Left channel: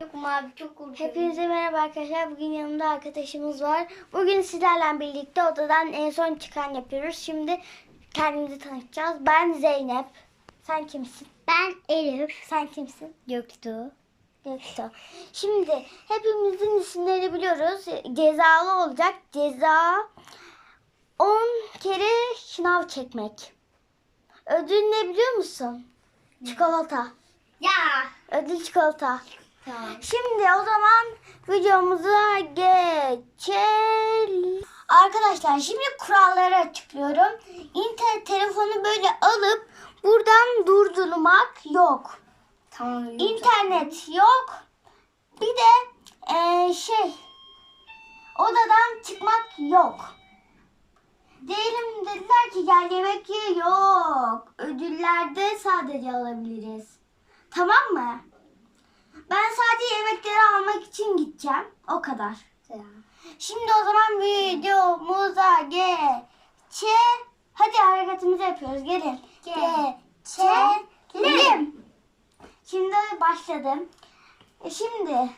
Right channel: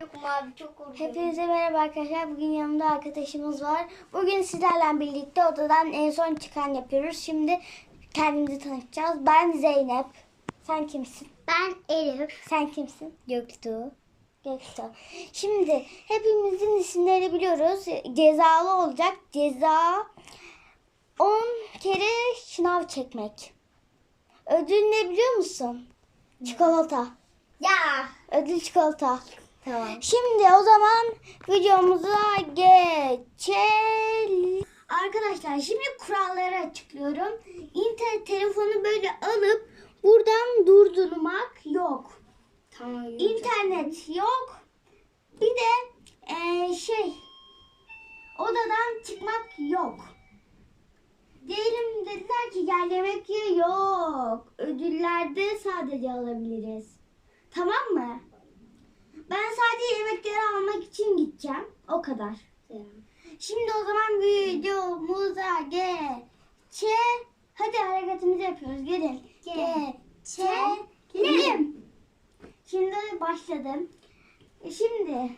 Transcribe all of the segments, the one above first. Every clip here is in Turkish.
Çok mavi çok korkuyorum. Hepinize merhaba arkadaşlar. Bugün yanımda arkadaşımız var. Bugün sizlerle birlikte odadan en son çıkan yapıyoruz. Şimdi kendimizi tanıtacağız. Ben Zeynep. Sen kimsin? Ben Elif. Sen kimsin? Göktuğ. Göktuğ. Şimdi hepimizin isimleri biliyoruz. Cezalı olacak. Ceza 10 kere şınav çekmek. Ödül ne biliyor musun? Çikolata. Ya. Ödül çikolata. Tamam. Şimdi o zaman videomuza geçelim. Arkadaşlar şimdi kuralları açıklıyorum. İnternet telefonu böyle alıp buradan durdurmak yok. Tamam. İnternet yok. Bir de eee, şey odadan çıkmak yok. Diyelim dediler ki gel yemek ye yok. Ödüllerde sadece alabiliriz. Tamam mı? Ben sadece yemekleri almak için gideceğim. O kadar. Şimdi o zaman videomuza geçe. Hadi hareketimizi yapıyoruz. Gelin. Geçelim. Şimdi başladım. E, Şimdi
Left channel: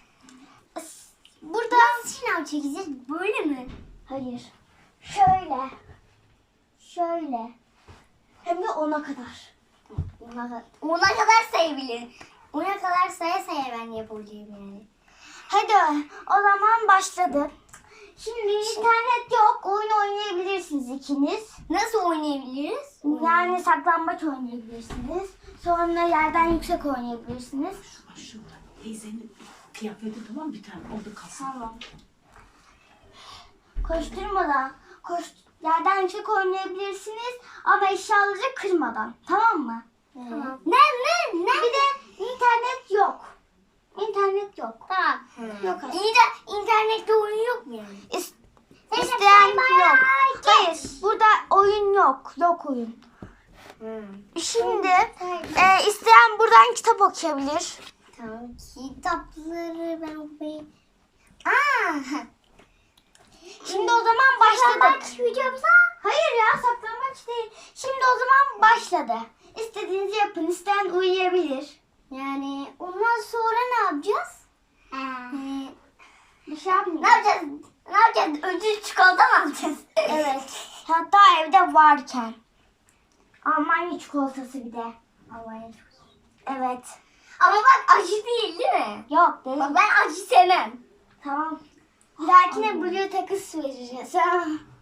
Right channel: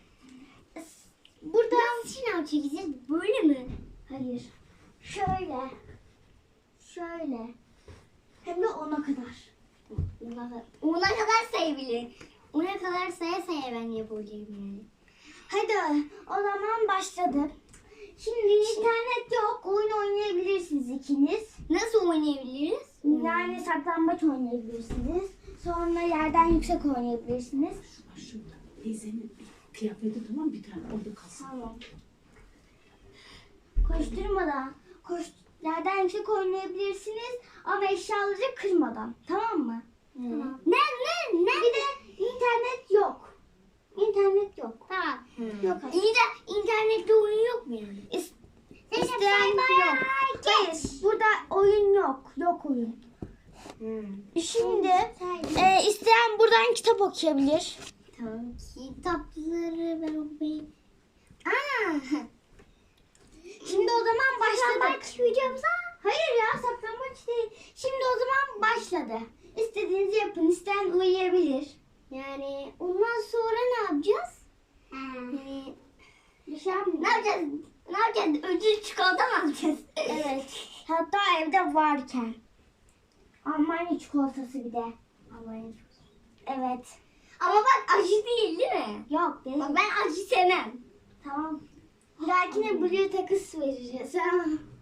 s- buradan Sınav çekeceğiz böyle mi? hayır. Şöyle. Şöyle. Hem de ona kadar. Ona kadar, ona kadar sayabilirim. Ona kadar saya saya ben yapabileceğim yani. Hadi o zaman başladı. Şimdi internet yok. Oyun oynayabilirsiniz ikiniz. Nasıl oynayabiliriz? Yani saklambaç oynayabilirsiniz. Sonra yerden yüksek oynayabilirsiniz. Şurada teyzenin kıyafeti tamam bir tane orada kalsın. Tamam. Koşturmadan, koş, yerden yüksek oynayabilirsiniz ama eşyaları kırmadan. Tamam mı? Tamam. Ne ne ne? Bir de internet yok. İnternet yok. Tamam. Yok. İyi de internette oyun yok mu yani? İs- isteyen bay bay, yok. geç. Hayır, burada oyun yok. Yok oyun. Şimdi e, isteyen buradan kitap okuyabilir. Tamam. Kitapları ben okuyayım. Aa. Şimdi o zaman başladık. Hayır ya saklambaç değil. Şimdi o zaman başladı. İstediğinizi yapın. İsteyen uyuyabilir. Yani ondan sonra ne yapacağız? Ee, Bir şey yapmayın. ne yapacağız? Ne yapacağız? Ödül çikolata mı alacağız? Evet. Hatta evde varken. Almanya çikolatası bir de. Almanya Evet. Ama bak acı değil değil mi? Yok değil. Bak ben acı sevmem. Tamam. Bir dahakine Blue takıs vereceğiz.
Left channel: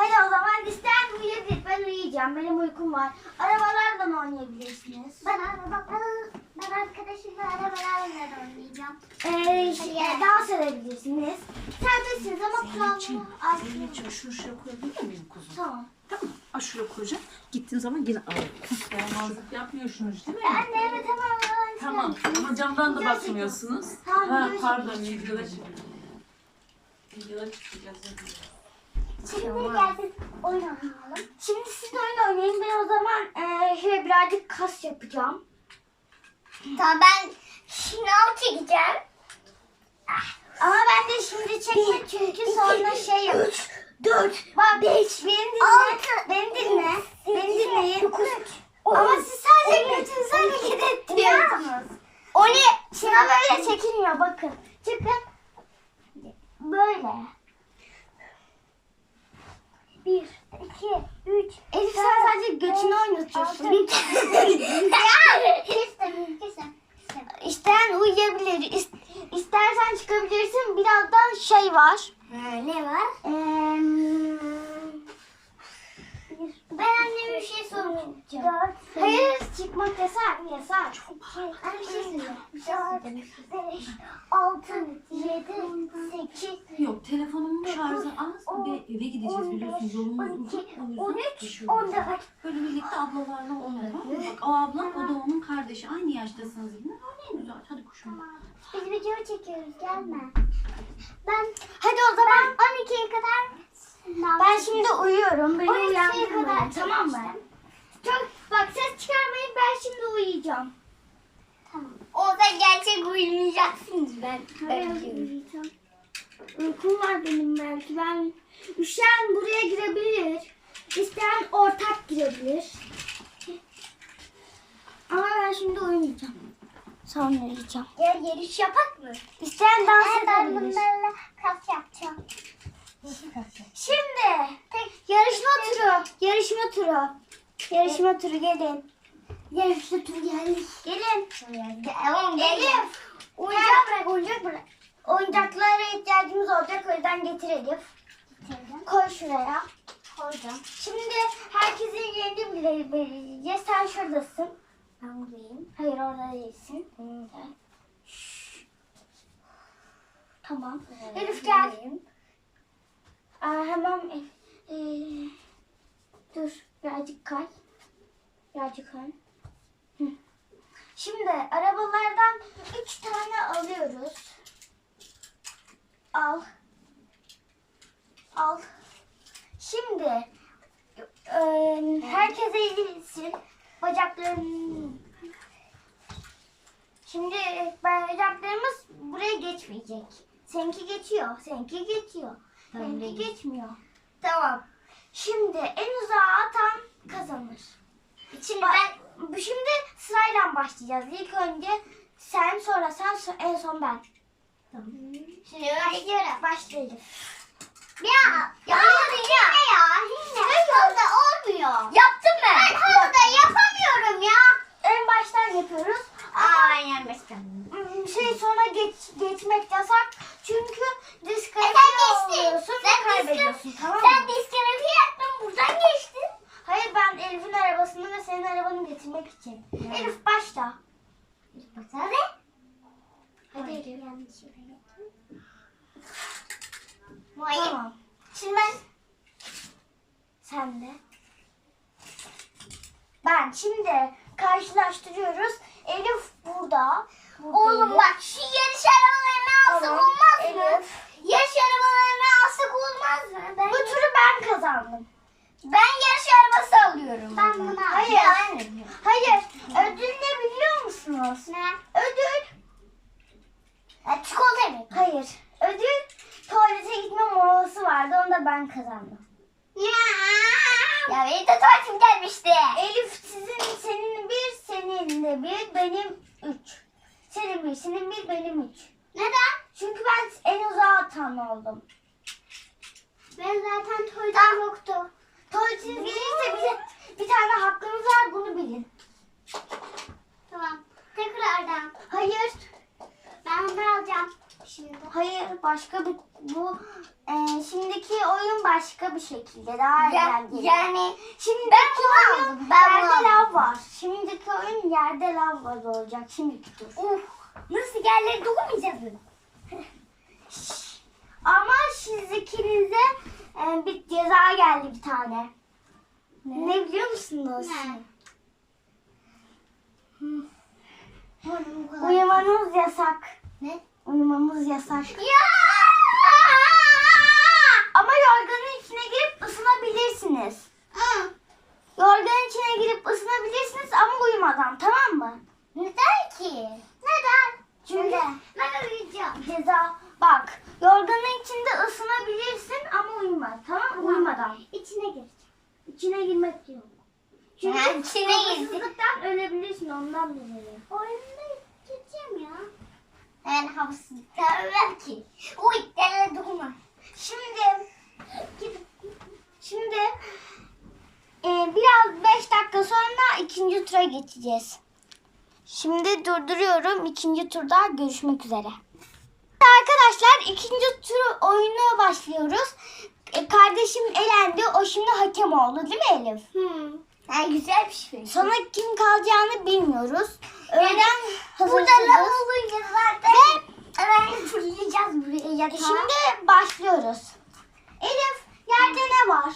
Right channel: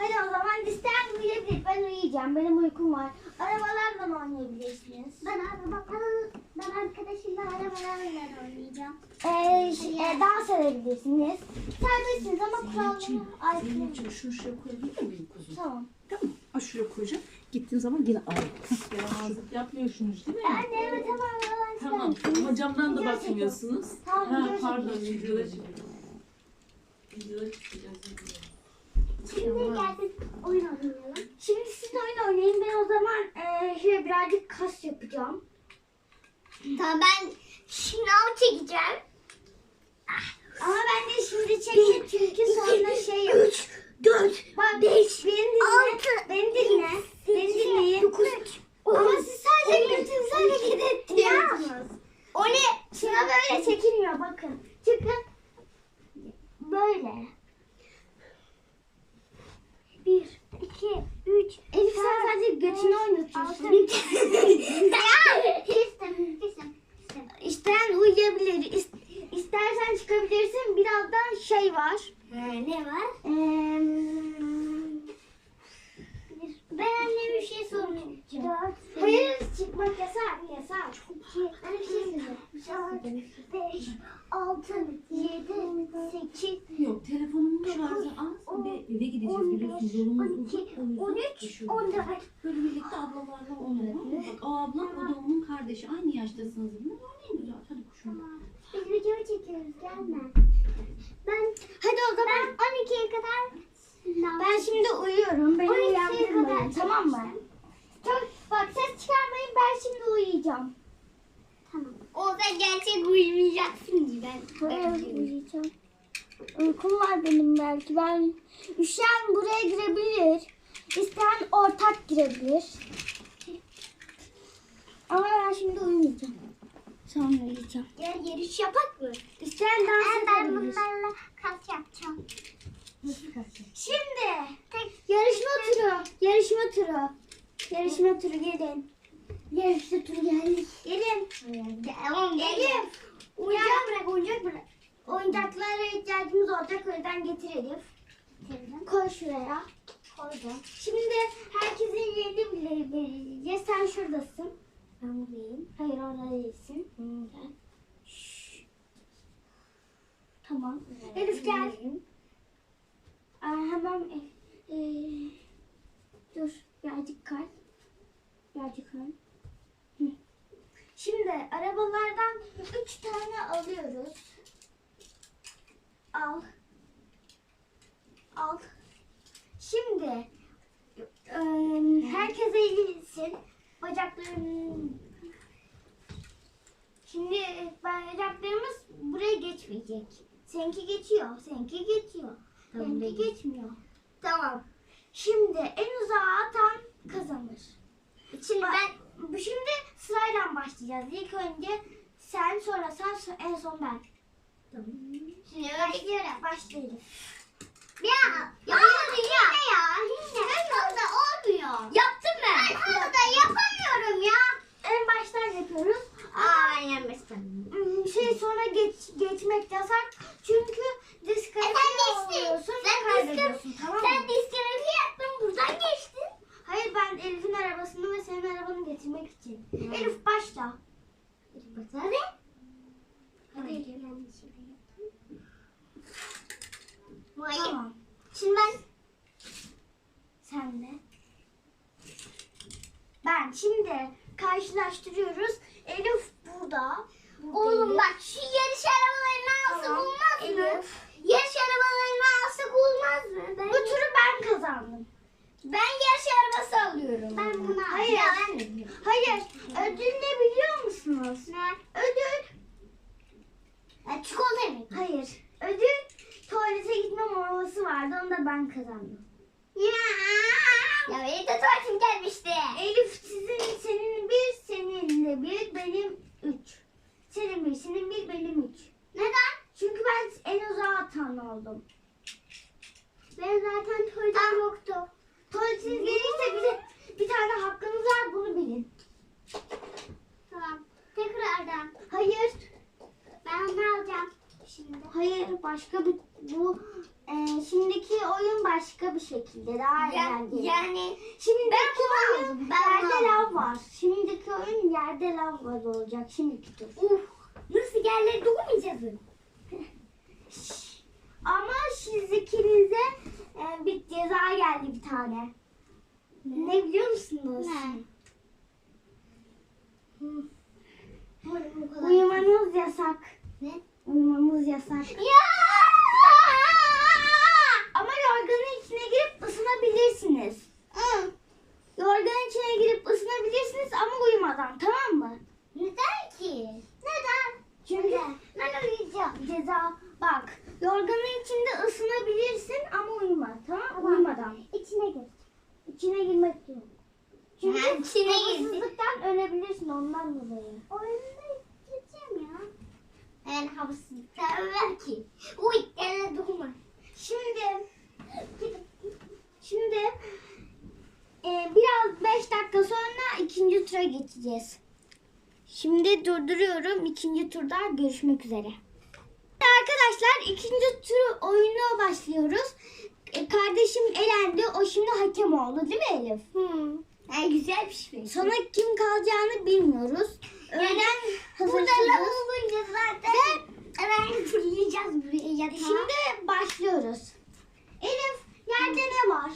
Hadi o zaman isteyen uyuyabilir. Ben uyuyacağım. Benim uykum var. Arabalardan oynayabilirsiniz. Ben arabalarla, ben arkadaşımla arabalarla oynayacağım. Ee, şey, e, dans edebilirsiniz. Serbestsiniz ama kuralları Zeynep'ciğim şunu şuraya koyabilir miyim kuzum? Tamam. Tamam mı? Aa, şuraya koyacağım. Gittiğin zaman yine al. Yaramazlık yapmıyorsunuz değil mi? Anne evet tamam. Tamam ama camdan da bakmıyorsunuz. Ha, pardon videoda çıkıyor. Videoda çıkacağız. Şimdi gelsin oyun oynayalım. Şimdi siz de oyun oynayın. Ben o zaman e, şöyle birazcık kas yapacağım. Tamam ben şınav çekeceğim. Ama ben de şimdi çekeyim çünkü sonra şey yap. 4, 4 Bak 5, beni dinle. 6, beni dinle. 8, beni dinleyin. 9, çıkmak yasak. Yasak. Anne bir şey söyleyeceğim. 4, 5, 6, 7, 8, Yok telefonumun şarjı az ve eve gideceğiz biliyorsunuz yolumuz uzun. O yüzden 13, düşüyorum. 14. Böyle birlikte ablalarla oynayalım. Bak o ablam o da onun kardeşi. Aynı yaştasınız. Ne var ne güzel. Hadi kuşum. Biz video çekiyoruz gelme. Ben Hadi o zaman ben 12'ye kadar ben şimdi uyuyorum. Beni 12'ye uyandırmayın kadar tamam mı? Çok bak ses çıkarmayın ben şimdi uyuyacağım. Tamam. O da gerçek uyumayacaksınız ben. Ben uyuyacağım. Uykum var benim belki. Ben üşüyen buraya girebilir. İsteyen ortak girebilir. Ama ben şimdi uyumayacağım. Sonra yiyeceğim. Gel yarış yapak mı? İsteyen dans Ee, ben edebilir. bunlarla kas yapacağım. Şimdi yarışma turu. Yarışma turu. Yarışma turu gelin. Yarışma turu geldik. Gelin. Tamam Elif. Oyuncak bırak, oyuncak bırak. Oyuncaklara ihtiyacımız olacak. O yüzden getir Elif. Koy şuraya. Koydum. Şimdi herkesin yerini bile belirleyeceğiz. Sen şuradasın. Ben buradayım. Hayır orada değilsin. Şşş. Tamam. Elif gel. Aa, hemen e, dur birazcık kay. Birazcık kay. Şimdi arabalardan üç tane alıyoruz. Al. Al. Şimdi e, herkes eğilsin. Bacakların Şimdi bacaklarımız buraya geçmeyecek. Seninki geçiyor. Seninki geçiyor. Seninki geçmiyor. Tamam. Şimdi en uzağa atan kazanır. Şimdi Ba- ben bu şimdi sırayla başlayacağız. İlk önce sen sonra sen so- en son ben. şimdi başlıyorum. Başlayalım. Ya yapamadım ya. Ne ya? Ne fazla olmuyor. Yaptım ben. Ben havada yapamıyorum ya. En baştan yapıyoruz. Aa yenmiştim. Hmm, Şey sonra geç, geçmek yasak. Çünkü E diskalifiye sen geçtin. oluyorsun Sen ve kaybediyorsun. diskalifiye- Tamam mı? Sen diskalifiye yaptın buradan geçtin. Hayır ben Elif'in arabasını ve senin arabanı getirmek için. Elif başla. Hadi. Hadi Elif. Yanlış. Tamam. Şimdi ben Sen de. Ben şimdi karşılaştırıyoruz. Elif burada. burada Oğlum bak şu yarış arabalarını alsak Tamam, olmaz mı? Elif. Yarış arabalarını alsak olmaz mı? Ben, Bu turu ben kazandım. Ben yarış arabası alıyorum. Ben bunu Hayır. Hayır. Ödül ne biliyor musunuz? Ne? Ödül. Ya, çikolata mı? Hayır. Ödül tuvalete gitme molası vardı. Onu da ben kazandım. Ya, ya benim de tuvaletim gelmişti. Elif sizin senin bir senin de bir benim üç. Senin bir senin bir benim üç. Neden? Çünkü ben en uzağa atan oldum. Ben zaten tuvaletim yoktu. Tuvaletiniz gelirse bize bir tane hakkınız var bunu bilin. Tamam. Tekrardan. Hayır. Ben bunu alacağım. Şimdi. Hayır başka bir bu e, şimdiki oyun başka bir şekilde daha Ya, eğlenceli. yani Şimdiki ben oyun aldım. Ben yerde lav var. Şimdiki oyun yerde lav var olacak. Şimdiki tur. Uf. Nasıl yerlere dokunmayacağız mı? Ama siz ikinize e, bir ceza geldi bir tane. Ne, biliyor musunuz? Ne? Uyumanız yasak. Ne? Uyumamız yasak. Ya! Ama yorganın içine girip ısınabilirsiniz. Hı. Yorganın içine girip ısınabilirsiniz ama uyumadan tamam mı? Neden ki? Neden? Çünkü Ben uyuyacağım. ceza bak yorganın içinde ısınabilirsin ama uyuma tamam mı? Uyumadan. İçine gir. İçine girmek yok. Çünkü Ha, içine havasızlıktan ölebilirsin ondan dolayı. Oyunda gideceğim ya. Ben havasızlıkta ölmem ki. Uy, yerlere dokunma. Şimdi şimdi e, biraz 5 dakika sonra ikinci tura geçeceğiz. Şimdi durduruyorum. İkinci turda görüşmek üzere. Arkadaşlar ikinci tur oyuna başlıyoruz. E, kardeşim elendi. O şimdi hakem oldu değil mi Elif? Hmm. Ha, güzel bir şey. Sonra kim kalacağını bilmiyoruz. Öğlen Burada hazırsızız. lav olunca zaten hemen fırlayacağız buraya yatağa. Şimdi başlıyoruz. Elif yerde ne var?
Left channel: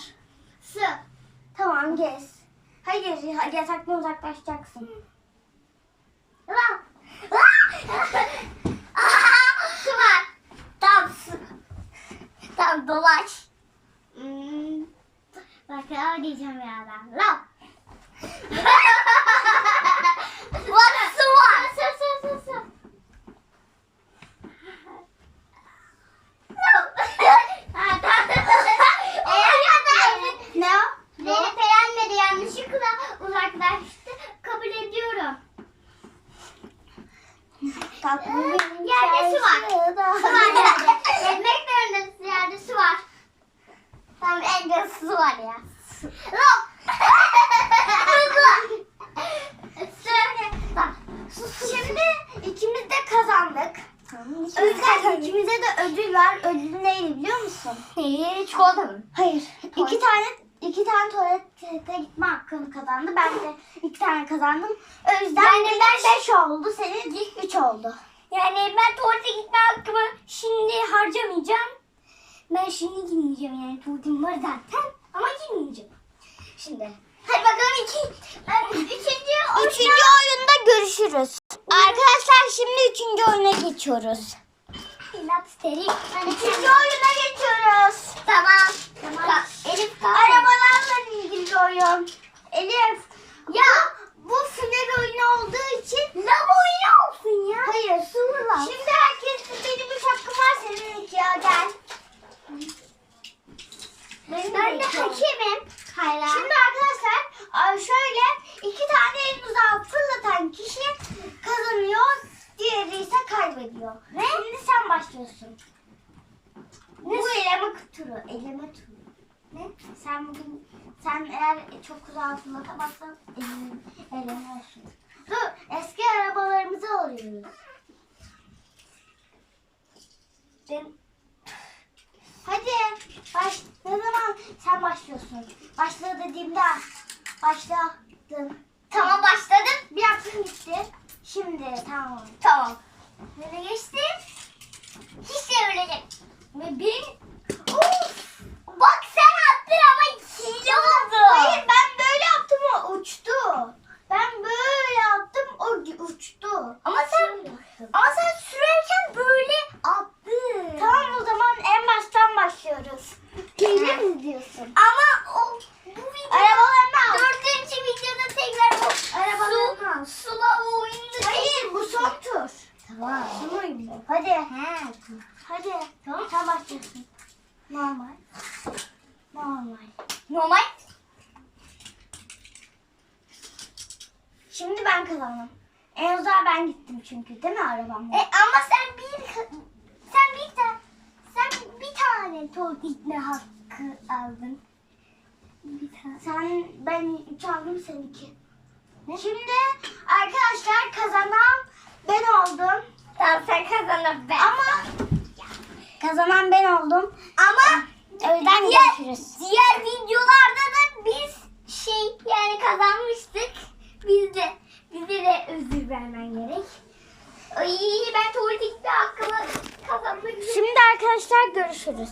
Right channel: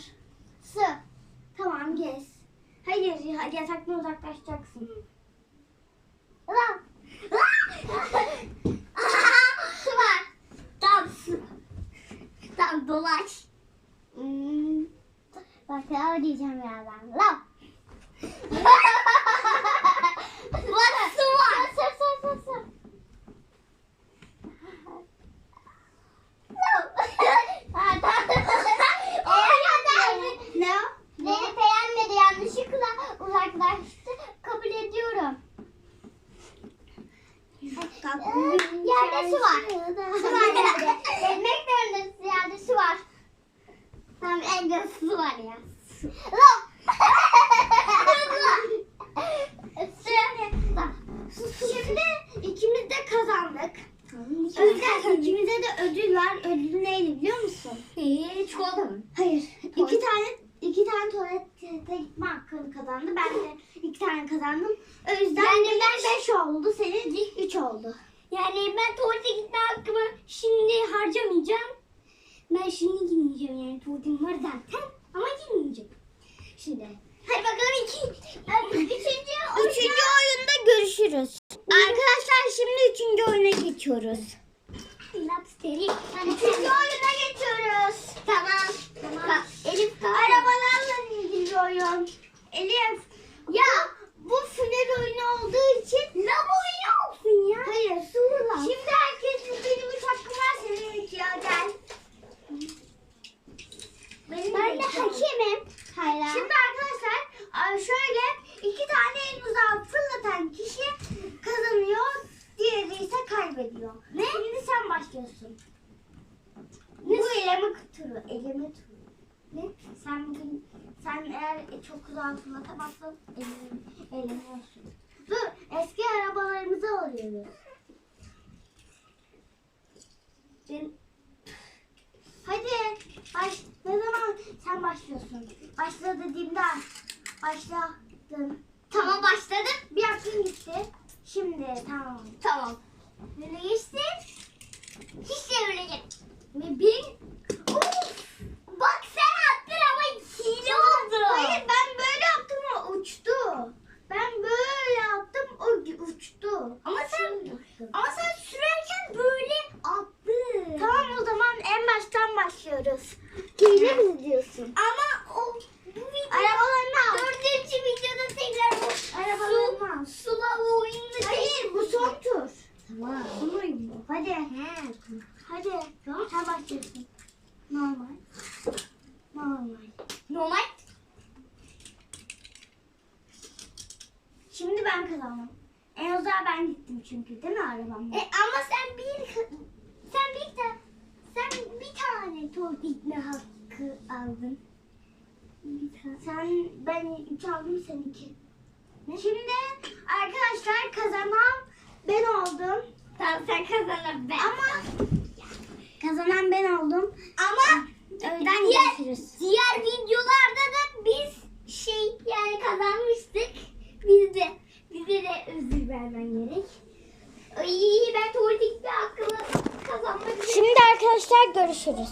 su. Tamam gez. Hayır yataktan uzaklaşacaksın. Lav. su var. Tam su. Tam dolaş. Hmm. Bak lav diyeceğim ya ben. Lav. Bak su var. Su su su su. Lav. Ha, tamam. Eğer Ne o? Zeynep eğlenmedi yanlışlıkla uzaklaştı. Kabul ediyorum. yerde su var. Su var yerde. Ekmek de önünde yerde su var. Tamam en su var ya. Lan. Şimdi ikimiz de kazandık. Özgür ikimize de ödül var. Ödül neydi biliyor musun? Neyi? Çikolata mı? Hayır. İki tane iki tane tuvalete gitme hakkını kazandı. Ben de iki tane kazandım. O yüzden Yani benim ben- beş oldu. Senin üç oldu. Yani ben tuvalete gitme hakkımı şimdi harcamayacağım. Ben şimdi gitmeyeceğim yani tuvaletim var zaten ama gitmeyeceğim. Şimdi. Hadi bakalım iki. Üçüncü oyuna. Üçüncü oyunda görüşürüz. Arkadaşlar şimdi üçüncü oyuna geçiyoruz. Lapsteri. Üçüncü oyuna geçiyoruz. Tamam. Tamam. Ka- Elif kalk. Arabalarla ilgili oyun. Elif. Ya bu final oyunu olduğu için Lav oyunu olsun ya. Hayır. Sığırlar. Şimdi herkesin benim üç hakkım var senin iki ya gel. Benim Ben de iki oldu. hakemim. Hala. Şimdi arkadaşlar ay şöyle iki tane en uzağa fırlatan kişi kazanıyor. Diğeri ise kaybediyor. Ne? Şimdi sen başlıyorsun. Bu eleme turu. Eleme turu. Ne? Sen bugün sen eğer çok uzağa fırlatamazsan eleme, elemiyorsun. Dur eski Ben Hadi baş ne zaman sen başlıyorsun? Başla dediğimde başladım. Tamam başladım. Bir hakkın gitti. Şimdi tamam. Tamam. Nereye geçtim? Hiç çevirecek. Ve bir... Of! Bak sen attın ama hile oldu. Hayır ben böyle yaptım o uçtu. Ben böyle yaptım o gi- uçtu. Ama sen ama sen sürerken böyle attın. Tamam o zaman en baştan başlıyoruz. Hile mi diyorsun? Ama o bu video Arabalarını al. dördüncü videoda tekrar bu Arabalarını al. su, sula oyunu Hayır bu son tur. Tamam. Son oyun bu. Hadi. He. Hadi. Tamam. Sen başlıyorsun. Normal. Normal. Normal. Şimdi ben kazandım. En uzağa ben gittim çünkü değil mi arabamla? E, ama sen bir sen bir tane sen bir tane tuvalet gitme hakkı aldın. Bir tane. Sen ben 3 aldım sen 2. Şimdi arkadaşlar kazanan ben oldum. Tamam sen kazandın ben. Ama kazanan ben oldum. Ama yüzden diğer, görüşürüz. diğer videolarda da biz şey yani kazanmıştık. Biz de bize de özür vermen gerek. Ay ben tuvalete gitme hakkımı kazanmak. Şimdi arkadaşlar görüşürüz.